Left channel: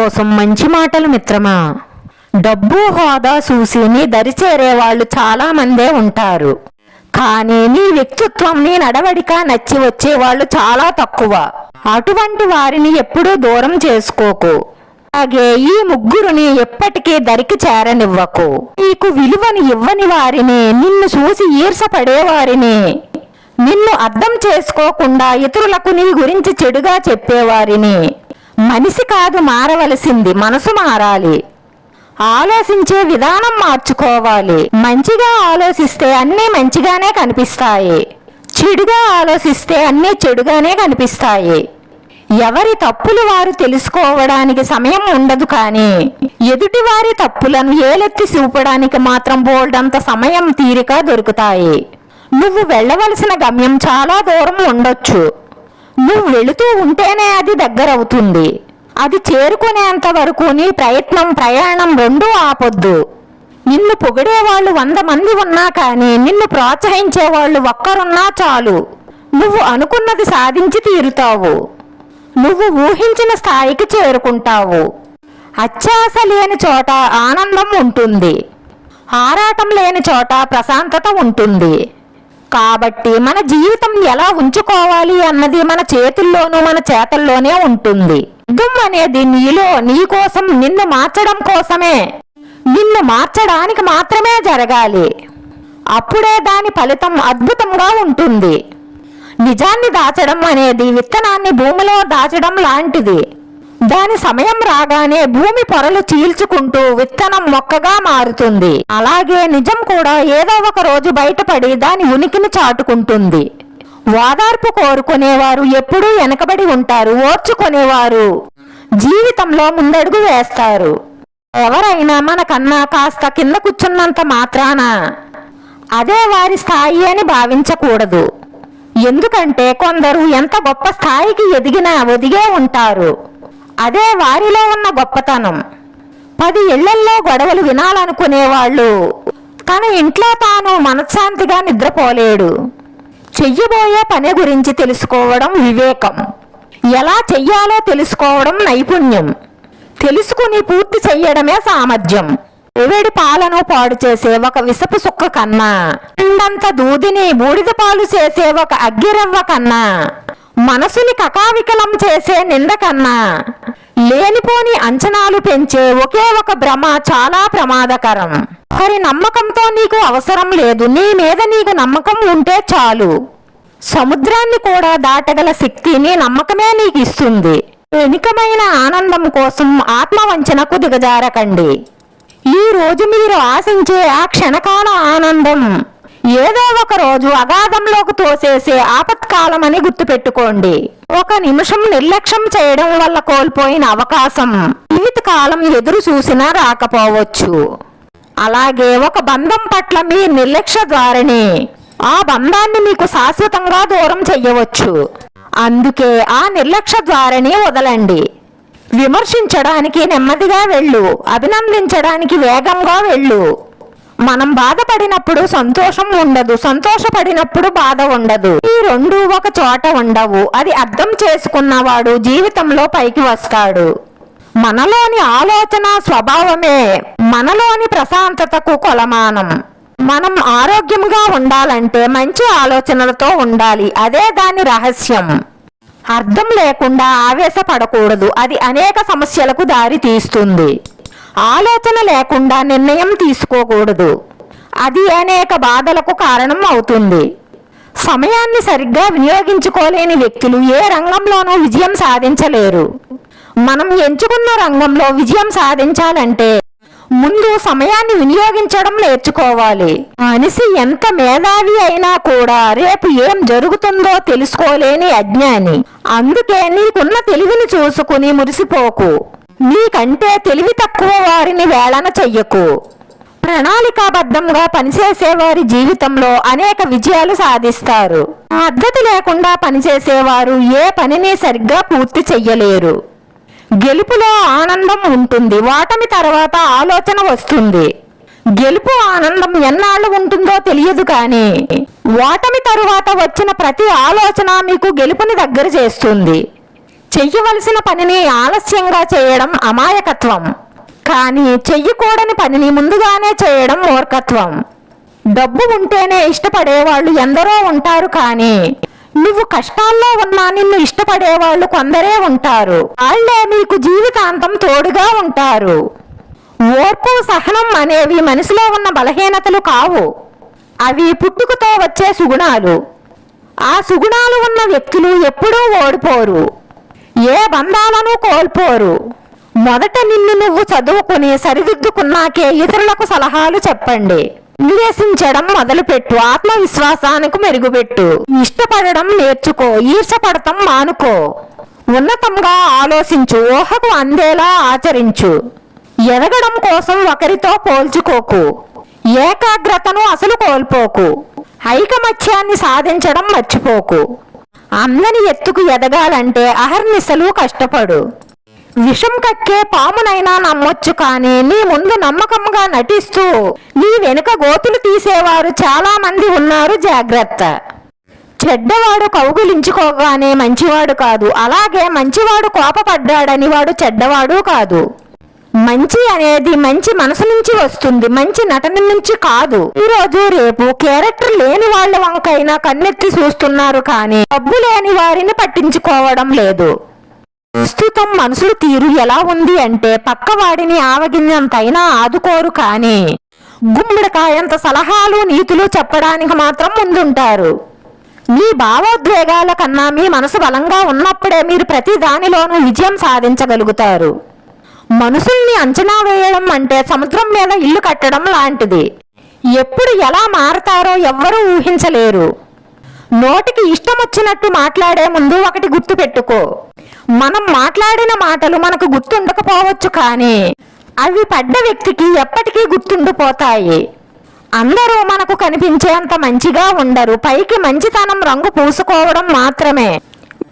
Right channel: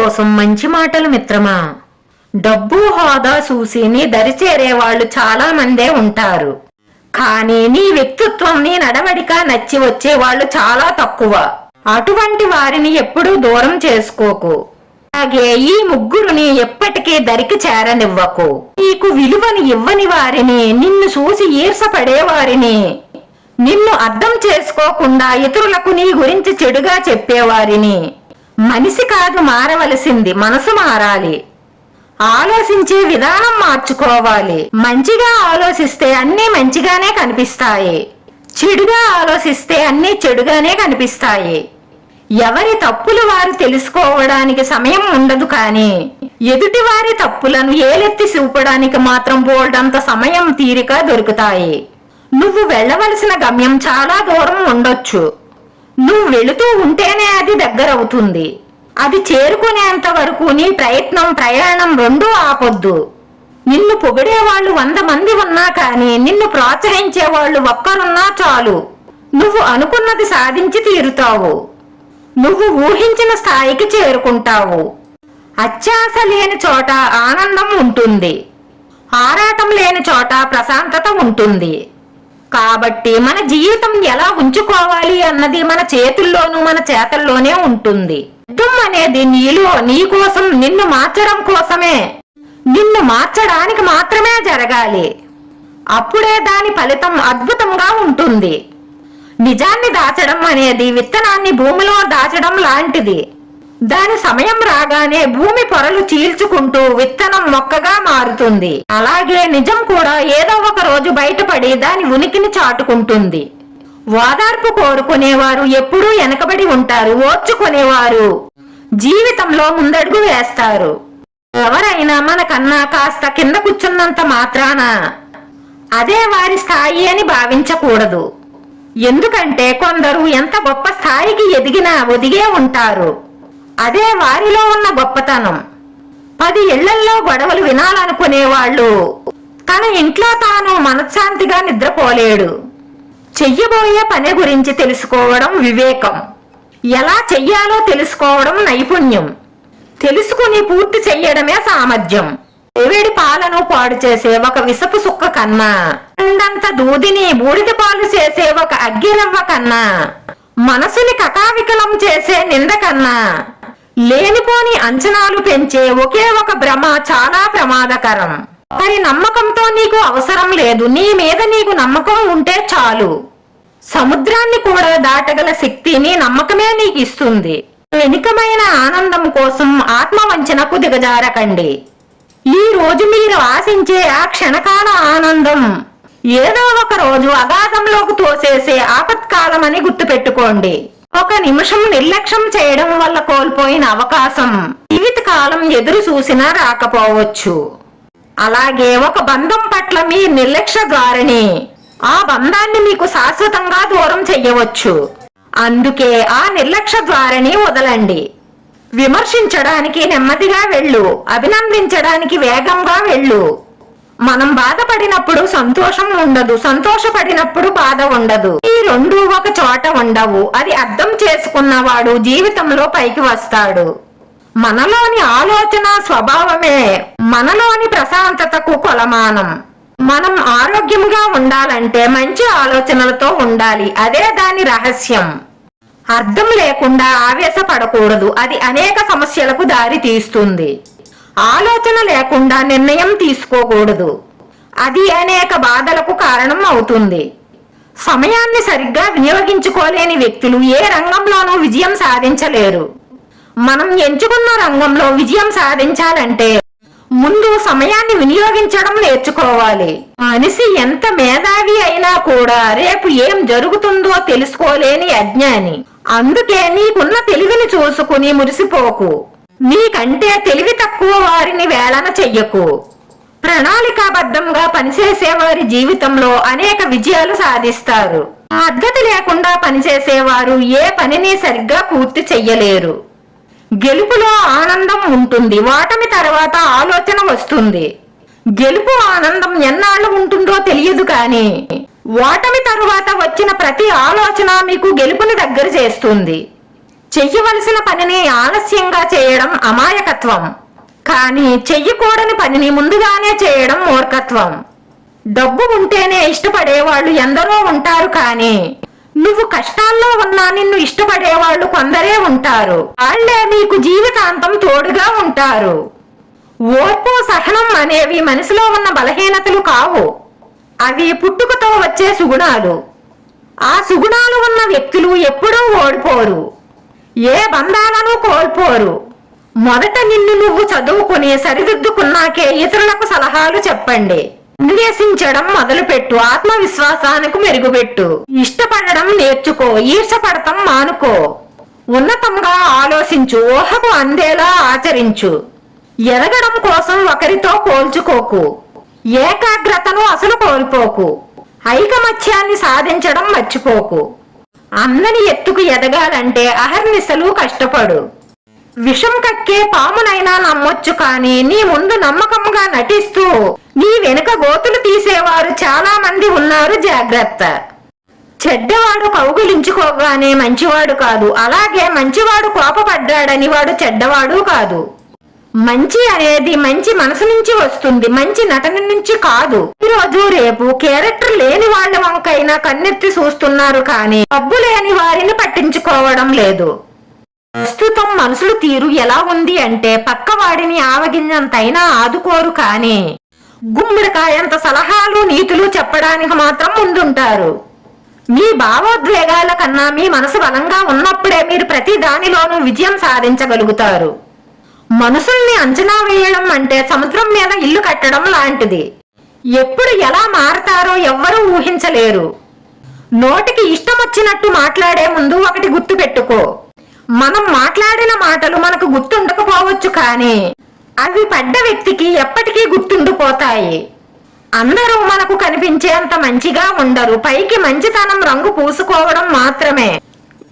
కోసం మంచి మాటలు మిత్రమా? డబ్బు హోదా చూసి నీ దరి చేరేవాళ్ళు చాలా మందే ఉంటారు. కానీ నీ వ్యక్తిత్వం నీ నడవడిక నచ్చి వచ్చేవాళ్ళు చాలా తక్కువ. అటువంటి వారిని ఎప్పుడూ దూరం చేసుకోకు. అలాగే ఈ ముగ్గురుని ఎప్పటికీ దరికి చేరనివ్వకు. నీకు విలువని ఇవ్వని వారిని నిన్ను చూసి ఈర్షపడేవారిని నిన్ను అర్థం చేసుకోకుండా ఇతరులకు నీ గురించి చెడుగా చెప్పేవారిని మనిషి కాదు మారవలసింది మనసు మారాలి. ఆలోచించే విధానం మార్చుకోవాలి. మంచిగా ఆలోచిస్తే అన్నీ మంచిగానే కనిపిస్తాయి. చెడుగా ఆలోచిస్తే అన్నీ చెడుగానే కనిపిస్తాయి. ఎవరి తప్పులు వారు తెలుసుకోవడానికి సమయం ఉండదు కానీ ఎదుటి వారి తప్పులను ఏలెత్తి చూపడానికి మాత్రం బోల్డంత సమయం తీరిక దొరుకుతాయి. నువ్వు వెళ్ళవలసిన గమ్యం చాలా దూరం ఉండొచ్చు. నువ్వు వెళుతూ ఉంటేనే అది దగ్గరవుతుంది. అది చేరుకునేంత వరకు నీ ప్రయత్నం ప్రయాణం రెండూ ఆపొద్దు. నిన్ను పొగిడేవాళ్ళు వంద మంది ఉన్నా కానీ నిన్ను ప్రోత్సహించే వాళ్ళు ఒక్కరున్నా చాలు. నువ్వు అనుకున్నది సాధించి తీరుతావు. నువ్వు ఊహించిన స్థాయికి చేరుకుంటావు. అత్యాశ లేని చోట ఆనందం ఉంటుంది. ఆరాటం లేని చోట ప్రశాంతత ఉంటుంది. కాబట్టి మన జీవితం ఎలా ఉంచుకోవాలి అన్నది మన చేతుల్లోనూ మన చేతల్లోనే ఉంటుంది. దుమ్ అనేది నీలో నీ కోసం నిన్ను మార్చడం కోసమే. నిన్ను మార్చడానికి మాత్రమే జరగాలి. అప్పుడే దాని ఫలితం అద్భుతంగా ఉంటుంది. నిజాన్ని దాచడం అనేది విత్తనాన్ని భూమిలో దాచడం లాంటిది. దాని సమయం రాగానే భూమి పొరలు చీల్చుకుంటూ విత్తనం మొక్కగా మారుతుంది. అలాగే నిజం కూడా ఏదో ఒక రోజు బయటపడి దాని ఉనికిని చాటుకుంటుంది. ఓదార్పు కోరుకునేవారు ఎప్పుడూ వెనకబడి ఉంటారు ఓర్చుకునేవారు. జీవితంలో ముందడుగు వేస్తారు. ఎవరైనా మనకన్నా కాస్త కింద కూర్చున్నంత మాత్రాన అదే వారి స్థాయి అని భావించకూడదు. ఎందుకంటే కొందరు ఎంత గొప్ప స్థాయికి ఎదిగినా ఒదిగే ఉంటారు. అదే వారిలో ఉన్న గొప్పతనం. పది ఇళ్ళల్లో గొడవలు వినాలనుకునేవాళ్ళు. తన ఇంట్లో తాను మనశ్శాంతిగా నిద్రపోలేడు. చెయ్యబోయే పని గురించి తెలుసుకోవడం వివేకం. ఎలా చెయ్యాలో తెలుసుకోవడం నైపుణ్యం. తెలుసుకుని పూర్తి చెయ్యడమే సామర్థ్యం. ఎవేడి పాలను పాడు చేసే ఒక విసపు సుక్క కన్నా. అండంత దూదిని బూడిద పాలు చేసే ఒక అగ్గిరవ్వ కన్నా. మనసుని కకావికలం చేసే నింద కన్నా లేనిపోని అంచనాలు పెంచే ఒకే ఒక భ్రమ చాలా ప్రమాదకరం. మరి నమ్మకంతో నీకు అవసరం లేదు నీ మీద నీకు నమ్మకం ఉంటే చాలు. సముద్రాన్ని కూడా దాటగల శక్తి నీ నమ్మకమే నీకు ఇస్తుంది వెనుకమైన ఆనందం కోసం ఆత్మవంచనకు దిగజారకండి. ఈ రోజు మీరు ఆశించే ఆ క్షణకాల ఆనందం ఏదో ఒక రోజు అగాధంలోకి తోసేసే ఆపత్కాలమని గుర్తుపెట్టుకోండి. ఒక నిమిషం నిర్లక్ష్యం చేయడం వల్ల కోల్పోయిన అవకాశం జీవితకాలం ఎదురు చూసినా రాకపోవచ్చు. అలాగే ఒక బంధం పట్ల మీ నిర్లక్ష్య ద్వారానే ఆ బంధాన్ని మీకు శాశ్వతంగా దూరం చెయ్యవచ్చు. అందుకే ఆ నిర్లక్ష్య ద్వారానే వదలండి. విమర్శించడానికి నెమ్మదిగా వెళ్ళు అభినందించడానికి వేగంగా వెళ్ళు. మనం బాధపడినప్పుడు సంతోషం ఉండదు సంతోషపడినప్పుడు బాధ ఉండదు. ఈ రెండు ఒక చోట ఉండవు. అది అర్థం చేసుకున్నవాడు జీవితంలో పైకి వస్తాడు. మనలోని ఆలోచన స్వభావమే మనలోని ప్రశాంతతకు కొలమానం. మనం ఆరోగ్యంగా ఉండాలంటే మంచి ఆలోచనలతో ఉండాలి. అదే దాని రహస్యం. అర్థం లేకుండా ఆవేశపడకూడదు. అది అనేక సమస్యలకు దారి తీస్తుంది ఆలోచన లేకుండా నిర్ణయం తీసుకోకూడదు. అది అనేక బాధలకు కారణం అవుతుంది. సమయాన్ని సరిగ్గా వినియోగించుకోలేని వ్యక్తులు ఏ రంగంలోనూ విజయం సాధించలేరు. మనం ఎంచుకున్న రంగంలో విజయం సాధించాలంటే ముందు సమయాన్ని వినియోగించడం నేర్చుకోవాలి. మనిషి ఎంత మేధావి అయినా కూడా రేపు ఏం జరుగుతుందో తెలుసుకోలేని అజ్ఞాని. అందుకే నీకున్న తెలివిని చూసుకుని మురిసిపోకు. నీకంటే తెలివి తక్కువ వారిని వేళన చెయ్యకు. ప్రణాళికాబద్ధంగా పనిచేసే వారి జీవితంలో అనేక విజయాలు సాధిస్తారు. పద్ధతి లేకుండా పనిచేసేవారు ఏ పనిని సరిగ్గా పూర్తి చెయ్యలేరు. గెలుపులో ఆనందం ఉంటుంది. ఓటమి తర్వాత ఆలోచన వస్తుంది. గెలుపు ఆనందం ఎన్నాళ్ళు ఉంటుందో తెలియదు కానీ ఓటమి తరువాత వచ్చిన ప్రతి ఆలోచన మీకు గెలుపుని దగ్గర చేస్తుంది. చెయ్యవలసిన పనిని ఆలస్యంగా చేయడం అమాయకత్వం. కానీ చెయ్యకూడని పనిని ముందుగానే చేయడం మూర్ఖత్వం. డబ్బు ఉంటేనే ఇష్టపడేవాళ్ళు ఎందరో ఉంటారు కానీ నువ్వు కష్టాల్లో ఉన్నా నిన్ను ఇష్టపడేవాళ్ళు కొందరే ఉంటారు. వాళ్ళే నీకు జీవితాంతం తోడుగా ఉంటారు. ఓర్పు సహనం అనేవి మనసులో ఉన్న బలహీనతలు కావు. అవి పుట్టుకతో వచ్చే సుగుణాలు. ఆ సుగుణాలు ఉన్న వ్యక్తులు ఎప్పుడూ ఓడిపోరు. ఏ బంధాలను కోల్పోరు? మొదట నిన్ను నువ్వు చదువుకుని సరిదిద్దుకున్నాకే ఇతరులకు సలహాలు చెప్పండి. నివేశించడం మొదలుపెట్టు ఆత్మవిశ్వాసానికి మెరుగుపెట్టు. ఇష్టపడడం నేర్చుకో ఈర్షపడటం మానుకో. ఉన్నతంగా ఆలోచించు ఊహకు అందేలా ఆచరించు. ఎదగడం కోసం ఒకరితో పోల్చుకోకు. ఏకాగ్రతను అసలు కోల్పోకు. ఐకమత్యాన్ని సాధించడం మర్చిపోకు. అందని ఎత్తుకు ఎదగాలంటే అహర్నిశలు కష్టపడు. విషం కక్కే పామునైనా నమ్మొచ్చు కానీ నీ ముందు నమ్మకంగా నటిస్తూ నీ వెనుక గోతులు తీసేవారు చాలా మంది ఉన్నారు జాగ్రత్త. చెడ్డవాడు కౌగులించుకోగానే మంచివాడు కాదు. అలాగే మంచివాడు కోపపడ్డాడని వాడు చెడ్డవాడు కాదు. మంచి అనేది మంచి మనసు నుంచి వస్తుంది మంచి నటన నుంచి కాదు. ఈ రోజు రేపు క్యారెక్టర్ లేని వాళ్ళ వంకైనా కన్నెత్తి చూస్తున్నారు కానీ డబ్బు లేని వారిని పట్టించుకోవడం లేదు. ప్రస్తుతం మనుషుల తీరు ఎలా ఉంది అంటే పక్కవాడిని ఆవగింజంతైనా ఆదుకోరు కానీ గుమ్మడికాయంత సలహాలు నీతులు చెప్పడానికి మాత్రం ముందుంటారు. మీ భావోద్వేగాల కన్నా మీ మనసు బలంగా ఉన్నప్పుడే మీరు ప్రతి దానిలోనూ విజయం సాధించగలుగుతారు. మనుషుల్ని అంచనా వేయడం అంటే సముద్రం మీద ఇల్లు కట్టడం లాంటిది. ఎప్పుడు ఎలా మారతారో ఎవ్వరూ ఊహించలేరు. నోటికి ఇష్టం వచ్చినట్టు మాట్లాడే ముందు ఒకటి గుర్తు పెట్టుకో. మనం మాట్లాడిన మాటలు మనకు గుర్తుండకపోవచ్చు కానీ అవి పడ్డ వ్యక్తికి ఎప్పటికీ గుర్తుండిపోతాయి. అందరూ మనకు కనిపించేంత మంచిగా ఉండరు. పైకి మంచితనం రంగు పూసుకోవడం మాత్రమే.